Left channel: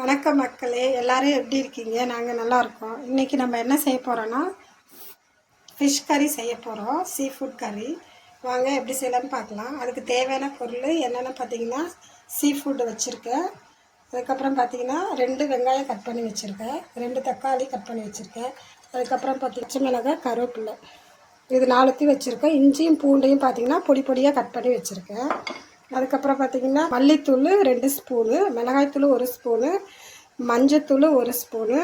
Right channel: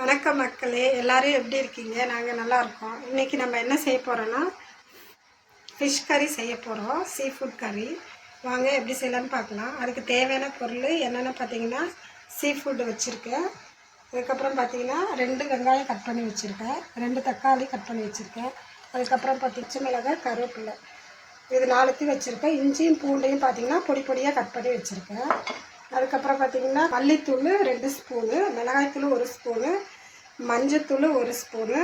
வணக்கம் மக்களே, எல்லாரும் எப்படி இருக்கீங்க? நாங்கள் நல்லா இருக்கோம். இன்றைக்கி நம்ம என்ன செய்ய போகிறோன்னா ஃபிஷ் கறி செய்ய போகிறோம். சீ ஃபுட் கறி. வாங்க எப்படி செய்யலான்னு பார்க்கலாம். அதுக்கு தேவையான பொருள் என்னென்னு பார்த்தீங்கன்னா, சீ ஃபுட்டு வச்சுருக்கேன். அதுக்கப்புறம் பார்த்தீங்கன்னா 2 வெங்காயம் கட் பண்ணி வச்சுருக்கேன், 2 தக்காளி கட் பண்ணி வச்சுருக்கேன். அதுக்கப்புறம் பச்சை மிளகாய், கருவேப்பிலை, இது 4 வச்சுருக்கேன். இஞ்சியும் பூண்டையும் பார்த்தீங்கன்னா பொடி பொடியாக கட் பண்ணி வச்சுருக்கேன். அதுக்கப்புறம் பார்த்திங்கன்னா மல்லித்தூள் 2 ஸ்பூனு, மிளகாய்த்தூள் 1 ஸ்பூனு, மஞ்சத்தூள் 1 ஸ்பூனு.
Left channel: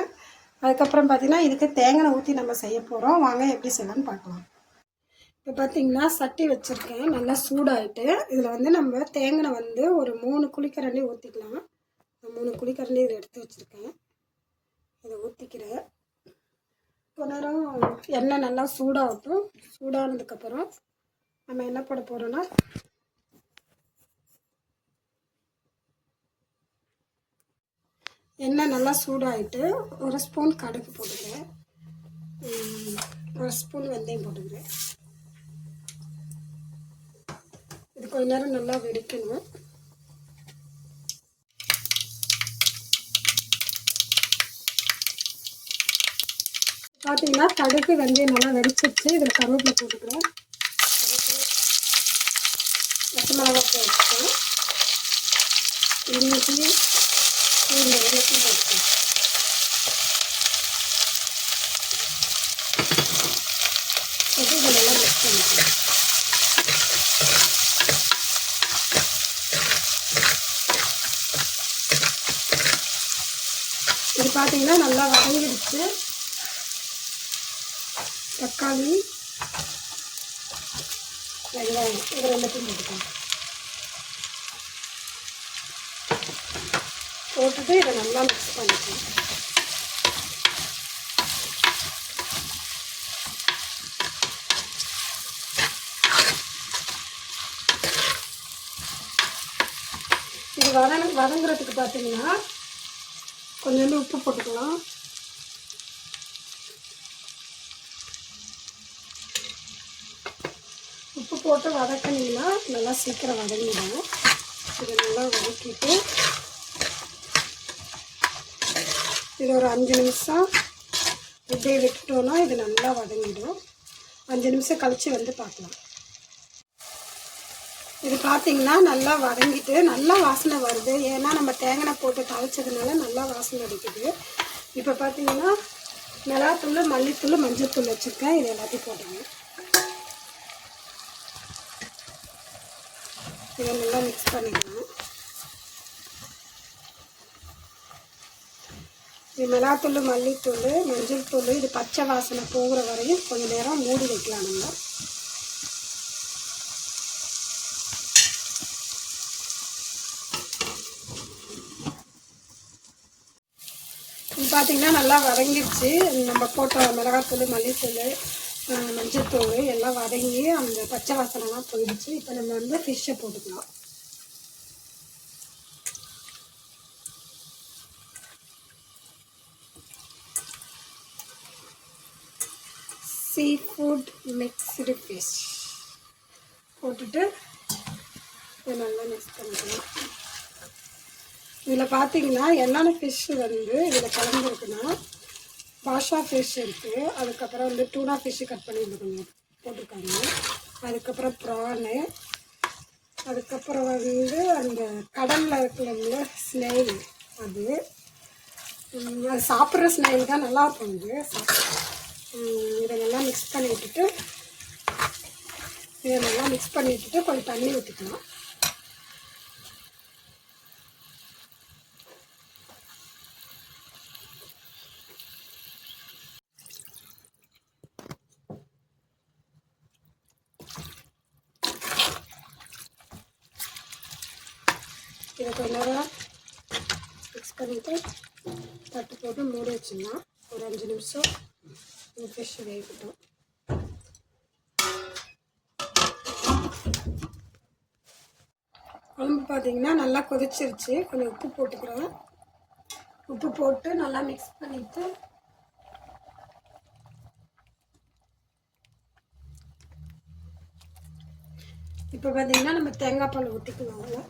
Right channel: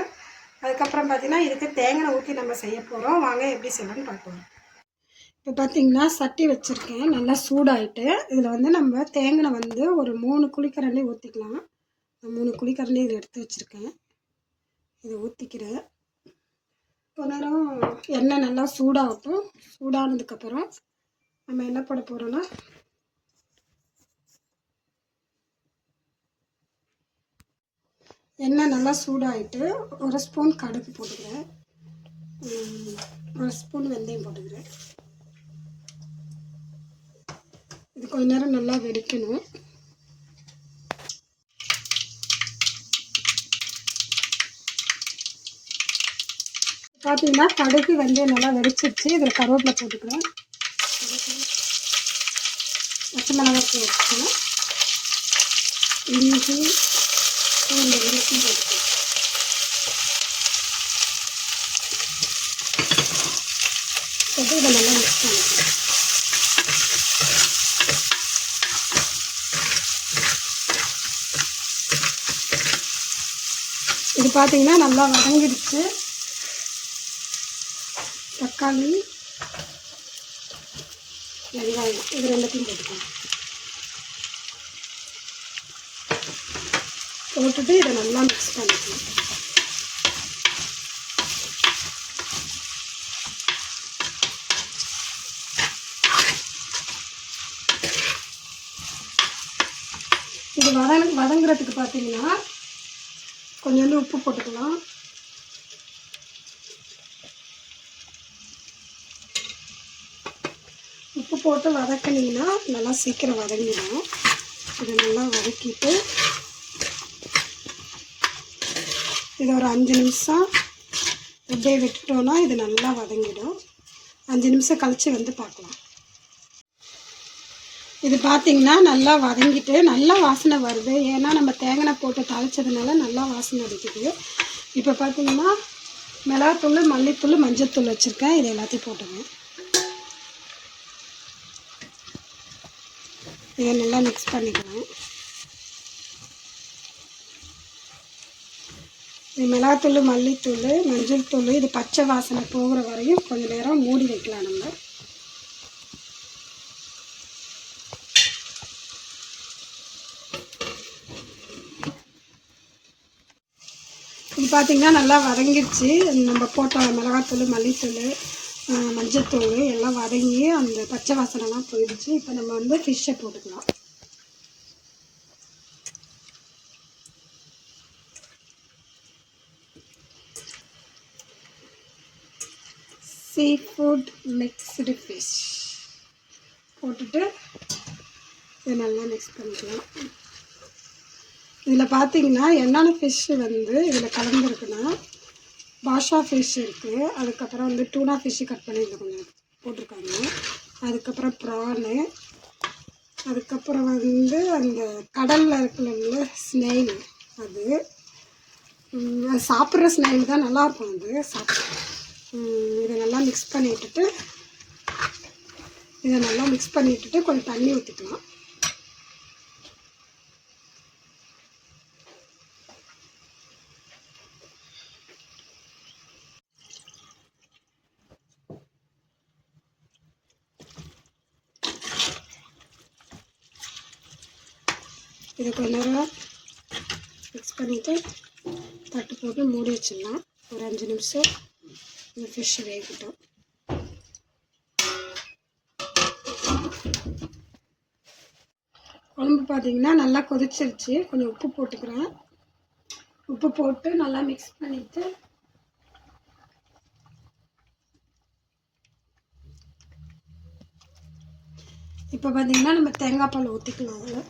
அதுக்கப்புறம் பார்த்திங்கன்னா இதுக்கு தேங்காய் ஊற்றி நம்ம செய்ய போகிறோம். வாங்க எப்படி செய்யலான்னு பார்க்கலாம். இப்போ பார்த்திங்கன்னா சட்டி வச்சுருக்கேன், நல்லா சூடாகிட்டு. இதில் நம்ம தேங்காய் ஒரு 3 குழிக்கரண்டி ஊற்றிக்கலாம். 3 குழிக்கரண்டி இதில் எடுத்து வச்சுருக்கேன். இதை ஊற்றிக்கிறேன். கொஞ்ச நேரம் எண்ணெய் நல்லா சூடாகட்டும். சூடானதுக்கப்புறம் நம்ம என்ன போட போகிறோன்னா, எண்ணெய் நல்லா சூடாகிட்டு 1 ஸ்பூன் கடுகு போட்டுக்கிறேன், 1 ஸ்பூன் வெந்தயம் போட்டுக்கிறேன். இது கொஞ்ச நேரம் நல்லா வெடிக்கணும். பார்த்தீங்கன்னா கடுகு வெந்தயம் நல்லா வெடிச்சிருச்சு. இதில் கருவேப்பிலை போட்டுக்கிறேன், பச்சை மிளகாய் போட்டுக்கிறேன், இஞ்சி இந்த வெள்ளத்தையும் போட்டுக்கலாம். போட்டு இதை நல்லா மிக்ஸ் பண்ணிக்கலாம். இது பார்த்தீங்கன்னா நல்லா வதங்கிடுச்சு. தக்காளி, வெங்காயம் இது 2த்தையும் போட்டுக்கலாம். போட்டுட்டு இதை நல்லா மிக்ஸ் பண்ணிக்கலாம். இது வதங்குறதுக்கு பார்த்தீங்கன்னா கொஞ்சோண்டு உப்பு போட்டுக்கலாம். உப்பு போட்டு வதக்கினீங்கன்னா நல்லா சீக்கிரம் வதங்கிடும். இதை நல்லா வதக்கிட்டு இது ஒரு 5 நிமிஷம் இப்படியே விட்டுட்டோன்னா இது நல்லா வதங்கிடும். 5 நிமிஷம் கழித்து பார்க்கலாம். இது பார்த்திங்கன்னா நல்லா வதங்கிட்டு நல்லா வாசனை வருது. ஏன்னா நம்ம தேங்காய் போட்டு தாளித்ததுனால நல்லா வாசனை அடிக்குது. இப்போ பார்த்திங்கன்னா மிளகாத்தூள், மல்லித்தூள், மஞ்சத்தூள் வச்சுருக்கேன். இது எல்லாத்தையும் போட்டுங்க. இதை நல்லா மிக்ஸ் பண்ணிக்கலாம். இது மிளகாத்தூள், மல்லித்தூள், மஞ்சள் தூள் இது பச்சை வாசனை போகிற வரையும் கொஞ்சம் நேரம் மூடி வைக்கலாம். நம்ம இது பார்த்திங்கன்னா நல்லா வதங்கிடுச்சு. நம்ம போட்ட மிளகாத்தூள், மல்லித்தூள், மஞ்சத்தூள் எல்லாம் வதங்கி அந்த பச்சை வாசனைலாம் போயிடுச்சு. இப்போ நம்ம ஃபிஷ்ஷை போட்டுக்கலாம். சீ ஃபுட் மிக்ஸ்டு ஃபிஷ் போட்டுட்டு இதை நல்லா மிக்ஸ் பண்ணிக்கலாம். இதில் பார்த்தீங்கன்னா என்னென்ன ஃபிஷ்ஷு இதில் கலந்துருக்குன்னா, பாஷா ஃபிஷ் இருக்குது, அதுக்கப்புறம் டூனா ஃபிஷ்ஷு கட் பண்ணி கொஞ்சம் போட்டிருக்காங்க, அதுக்கப்புறம் ப்ரானு, அதுக்கப்புறம் அந்த கடலில் இருக்கிற ஸ்னெயில், அது சாப்பிட்ற ஸ்னெயில் தான் நல்லாயிருக்கும். இதை நல்லா மிக்ஸ் பண்ணி விட்டுட்டு கொஞ்சம் தண்ணி ஊற்றிக்கலாம். இதை கொஞ்ச நேரம் மிக்ஸ் பண்ணிவிட்டு தட்டு போட்டு மூடி வச்சிடலாம். ஒரு 5 நிமிஷம் இந்த ஃபிஷ் வேகட்டும். குழம்பு பார்த்திங்கன்னா நல்லா கொதிச்சிருச்சு. கொஞ்சம் உப்பு போட்டுக்கிறேன். உப்பு போட்டு நல்லா மிக்ஸ் பண்ணிவிட்டு இப்போ பார்த்திங்கன்னா நம்ம தேங்காய் பால் ஊற்றிக்கலாம்.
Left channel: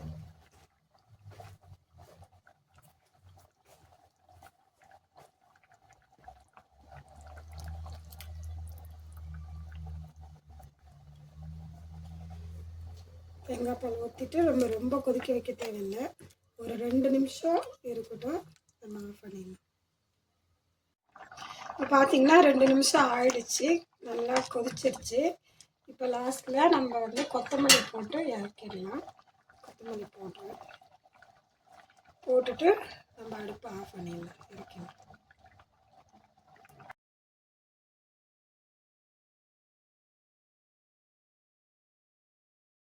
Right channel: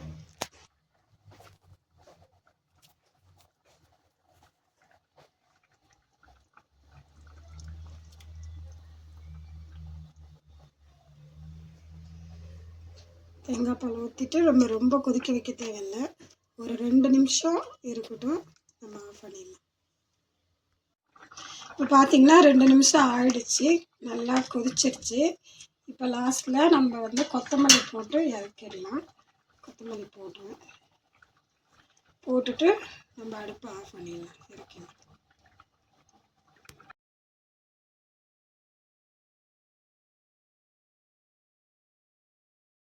தேங்காய் பால் ஊற்றிட்டு ரொம்ப கொதிக்க வைக்க தேவையில்லை. ஒரு 2 நிமிஷம் இருக்கட்டும், நம்ம ஆஃப் பண்ணிடலாம். இப்போ பார்த்திங்கன்னா 2 நிமிஷம் ஆயிடுச்சு, நல்லா கொதிச்சிருச்சு. இப்போ லாஸ்ட்டில் நம்ம கொத்தமல்லி போட்டு இறக்கிடலாம். கொத்தமல்லி போட்டுட்டு நம்ம அடுப்பை ஆஃப் பண்ணிடலாம், இறக்கிடலாம்.